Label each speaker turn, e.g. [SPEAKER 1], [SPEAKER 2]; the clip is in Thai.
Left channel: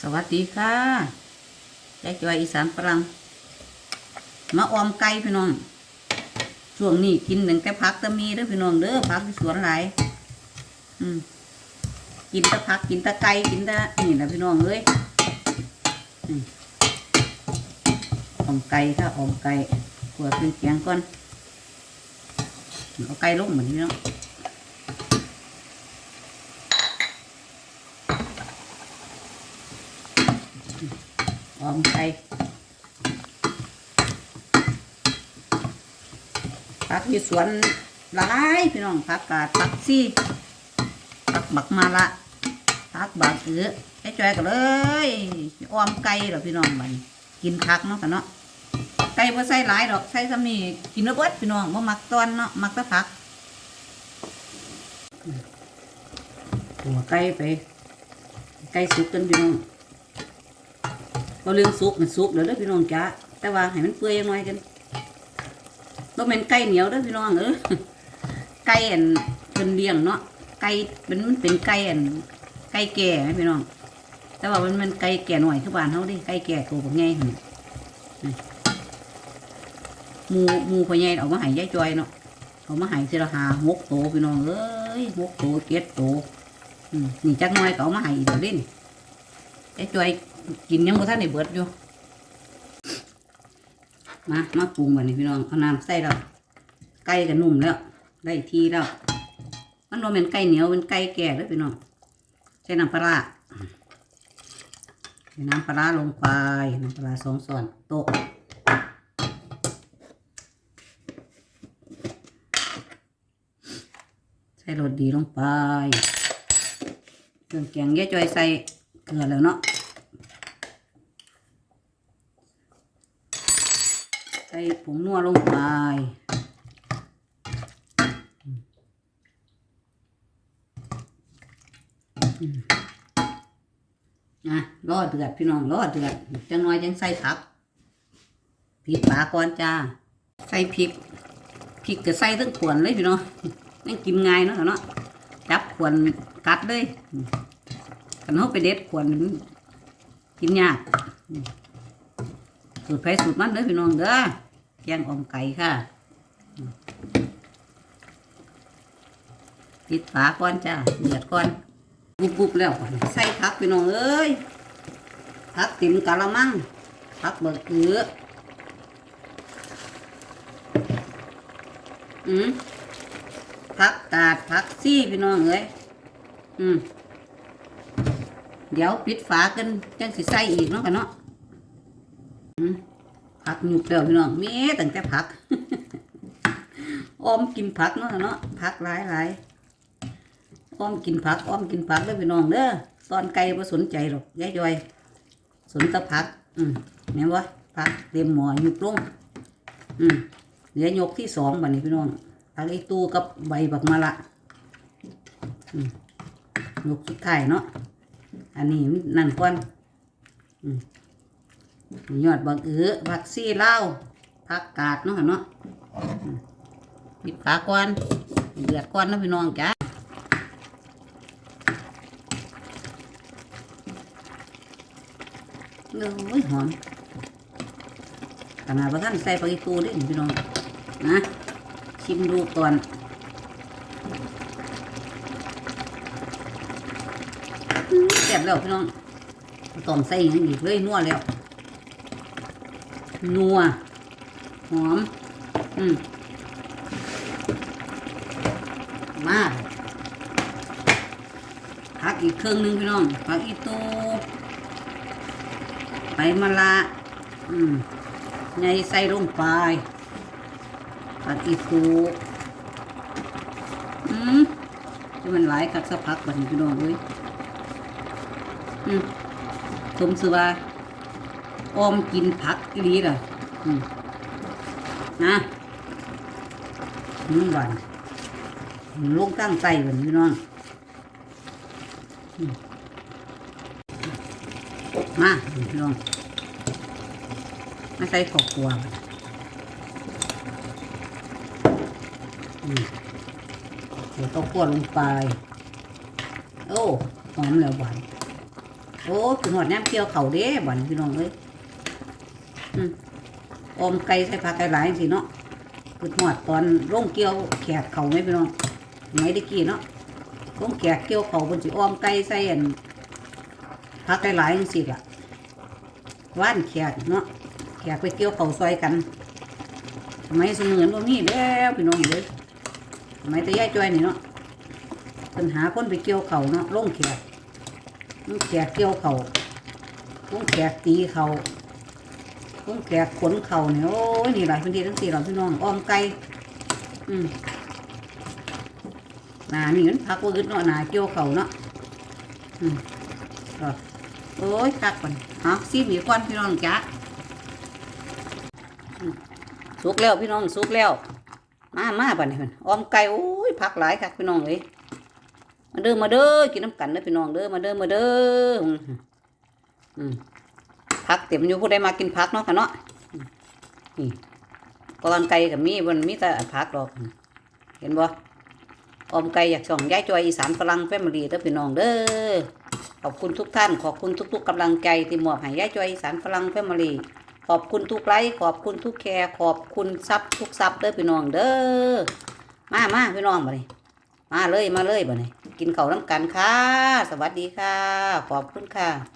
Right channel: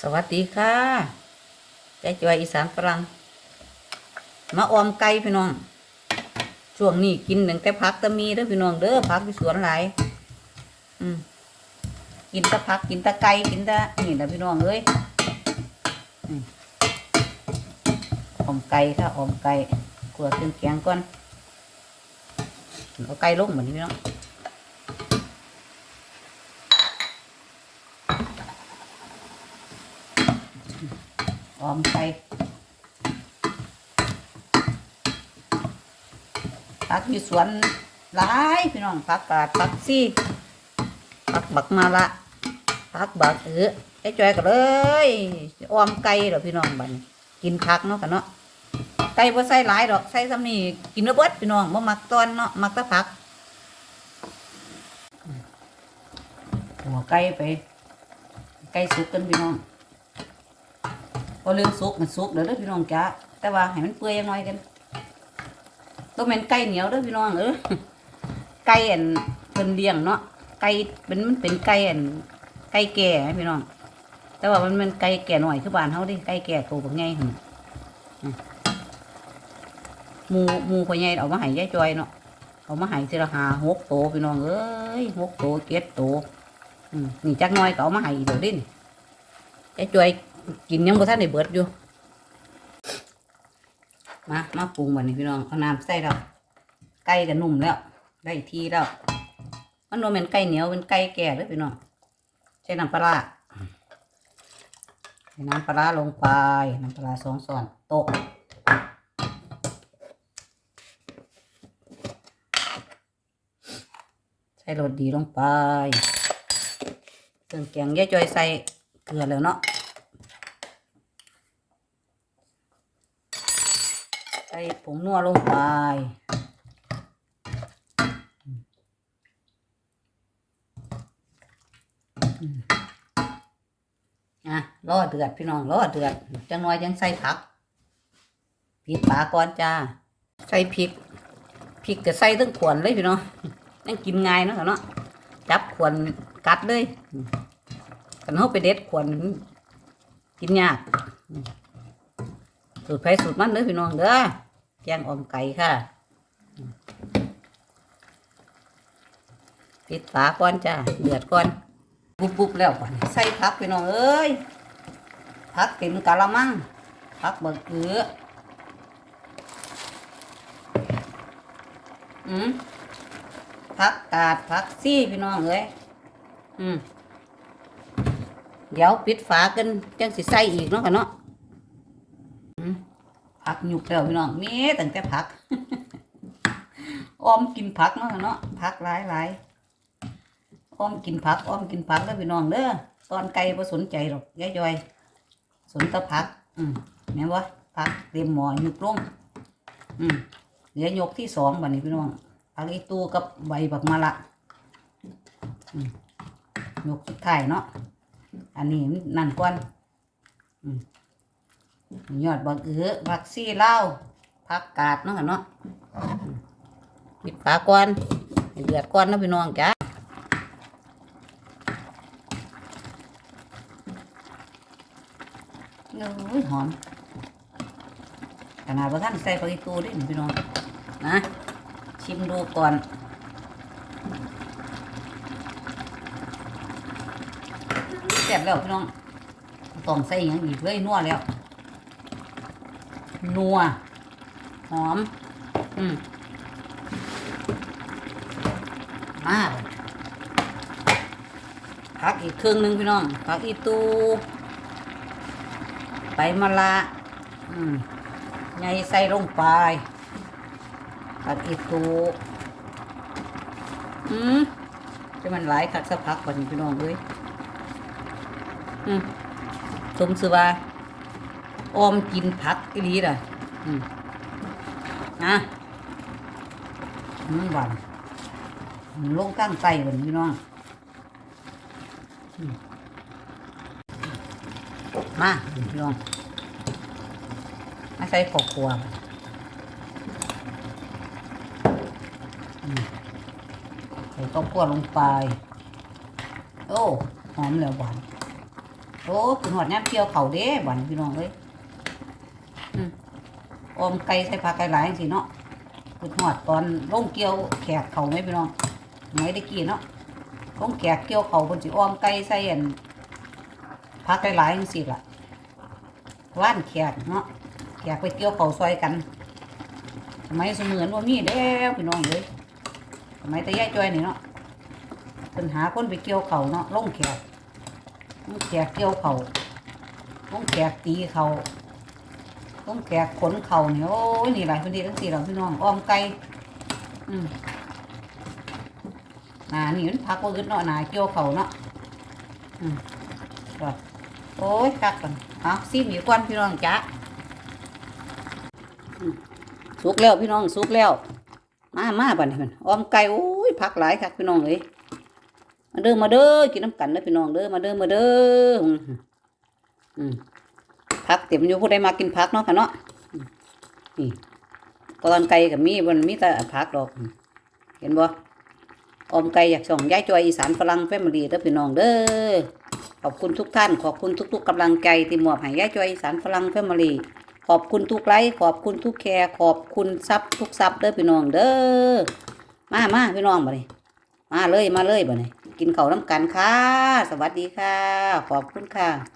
[SPEAKER 1] สวัสดีค่ะใจจอยอีสานฝรั่งมาออมไก่พี่น้อง ช่วงนี้กินหนึ่งแต่พักแตะมีเด้อพี่น้องเด้อพักที่สวนหลายอืมกินแตะพักกินแตะไก่กินแตะนี่นะพี่น้องเอ้ยอืมออมไก่ค่ะออมไก่ขัวขึ้นแกงก่อนเอาไก่ลงเหมือนพี่น้อง อมไก่ผักอยู่สวนหลายพี่น้องผักกาดผักซี่ผักบักมาละผักบักเออไอ้จอยกันเลยออมไก่เหรอพี่น้องบันกินผักเนาะกันเนาะไก่บ่ใส่หลายดอกใส่ซ้ำนี่กินเนื้อเบิดพี่น้องบ่มักตอนเนาะมักแต่ผักหัวไก่ไปไก่สุกกันพี่น้อง พอเรื่องสุกมันสุกเดี๋ยวเด้อพี่น้องจ้าแต่ว่าให้มันเปื่อยจังหน่อยกันต้องเป็นไก่เหนียวเด้อพี่น้องเออไก่อันเป็นเลี้ยงเนาะไก่มันมันเป็นไก่อันไก่แก่พี่น้อง แต่ว่ามันมันไก่แก่หน่อยคือบ้านเฮาดิไก่แก่ตัวบ่ใหญ่หั่นหมูหมูพ่อใหญ่เอามาให้ยายจอยเนาะเอามาให้ทีละห้าหกโตพี่น้องเอ้ยหกโตเจ็ดโตนี่จักหน่อยก็เอามาให้อีกเดี๋ยวนี้ยายจอย กินยังบ่ทันได้เบิดอยู่มามาปรุงบัดนี้พี่น้องเอาน้ำใส่แล้วไก่ก็นุ่มแล้วได้ทีแล้วมันบ่แม่นไก่เหนียวเป็นไก่แก่เด้อพี่น้องใส่น้ำปลาใส่น้ำปลาลงไปน้ำปลาสองช้อนโต๊ะใส่รสดีลงไปเครื่องแกงยายจอยใส่เกลือแล้วเนาะ ส่ผงนัวลงไปอะรอเดือดพี่น้องรอเดือดจังน้อยยังใส่ผักพริกปลาก่อนจ้า ใส่พริกพริกก็ใส่ทั้งขวนเลยพี่น้องยังกินง่ายเนาะเนาะจับขวนกัดเลยกันเขาไปเด็ดขวนกินยากสูตรไผ่สูตรมันเด้อพี่น้องเด้อ แกงออมไก่ค่ะ ปิดฝาก่อนจ้าเดือดก่อนปุ๊บปุ๊บแล้วใส่ผักพี่น้องเอ้ยผักเต็มกะละมังผักเบิกเอืออืมผักกาดผักซี่พี่น้องเอ้ยอืมเดี๋ยวปิดฝากันจังสิใส่อีกเนาะกันเนาะอืม ผักหยุบแล้วพี่น้องมีตั้งแต่ผักอ้อมกินผักเนาะเนาะผักหลายหลายอ้อมกินผักอ้อมกินผักแล้วพี่น้องเด้อตอนไก่บ่สนใจหรอกยายจอย สนแต่ผัก อืมเนี่ยวะผักเตรียมหมอหยุบลงอืมเหลือยกที่สองบัดนี้พี่น้องผักอีตูกับใบบักมะละอืมยกสุดท้ายเนาะอันนี้นั่นก่อน ยอดบักเอือผักซี่เล่าวผักกาดเนาะเนาะปิดฝาก่อนให้เดือดก่อนนะพี่น้องจ้าโอ้ยหอมขนาดว่าท่านใส่ปลาอีตูด้วยพี่น้องนะชิมดูก่อนแซ่บแล้วพี่น้องต้องใส่อย่างอีเลยนัวแล้ว นัว หอม อืมมาพักอีกเครื่องหนึงพี่น้องพักอีตูไตมะละอืมใหญ่ใส่ลงไปพักอีตูอืมจะมันหลายคักสักพักบัดนี้พี่น้องเอ้ยอืมสมสือว่า ออมกินผักอีหลีล่ะนะนี่บานลงตั้งไตบันพี่น้องมาพี่น้องมาใส่ข้าวคั่วอืมใส่ข้าวคั่วลงไป โอ้ หอมแล้วหวานโอ้คือหอดน้ำเกี่ยวเขาเด้บ่อนพี่น้องเอ้ย อมอมไก่ใส่ผักไก่หลายสิเนาะคือหอดตอนร่งเกี่ยวแขกเขาไหมพี่น้องไหนได้กี่เนาะร่งแขกเกี่ยวเขาบนสิออมไก่ใส่อันผักไก่หลายจังสิล่ะว่านแขกเนาะแขกไปเกี่ยวเขาซอยกันสมัยเสมือนว่ามีแล้วพี่น้องเลยสมัยตะย่ายจ้อยนี่เนาะปัญหาคนไปเกี่ยวเขาเนาะร่งแขกลุงแขกเกี่ยวเขาลุงแขกตีเขา ลุงแขกขนเข่าเนี่ยโอ้ยนี่หลายพื้นที่ทั้งสี่หลายพี่น้องอ้อมไก่อืมนานี่มันพักว่าอึดเนาะนาเกี่ยวเข่าเนาะอืมก็โอ้ยคักก่อนฮะซีมีกวนพี่น้องจ้ะสุกแล้วพี่น้องสุกแล้ว มามาป่ะนี่มันอ้อมไก่โอ้ยพักหลายคักพี่น้องเอ้ยมาเด้อมาเด้อกินน้ำกันเด้อพี่น้องเด้อมาเด้อมาเด้ออืม พักเต็มอยู่ผู้ใดมากินพักเนาะค่ะเนาะนี่กอนไก่กับมีบนมีแต่พักดอก เห็นบ่ออมไก่อยากส่องย้ายจอยอีสานฝรั่งแฟมิลี่เด้อพี่น้องเด้อขอบคุณทุกท่าน ขอบคุณทุก ๆกำลังใจที่มอบให้ย้ายจอยอีสานฝรั่งแฟมิลี่ขอบคุณทุกไลค์ขอบคุณทุกแคร์ขอบคุณซับทุกซับเด้อพี่น้องเด้อมามาพี่น้องมาเลยมาเลยมาเลยบ่เนี่ยกินข้าวน้ำกันค่ะ สวัสดีค่ะ ขอบคุณค่ะ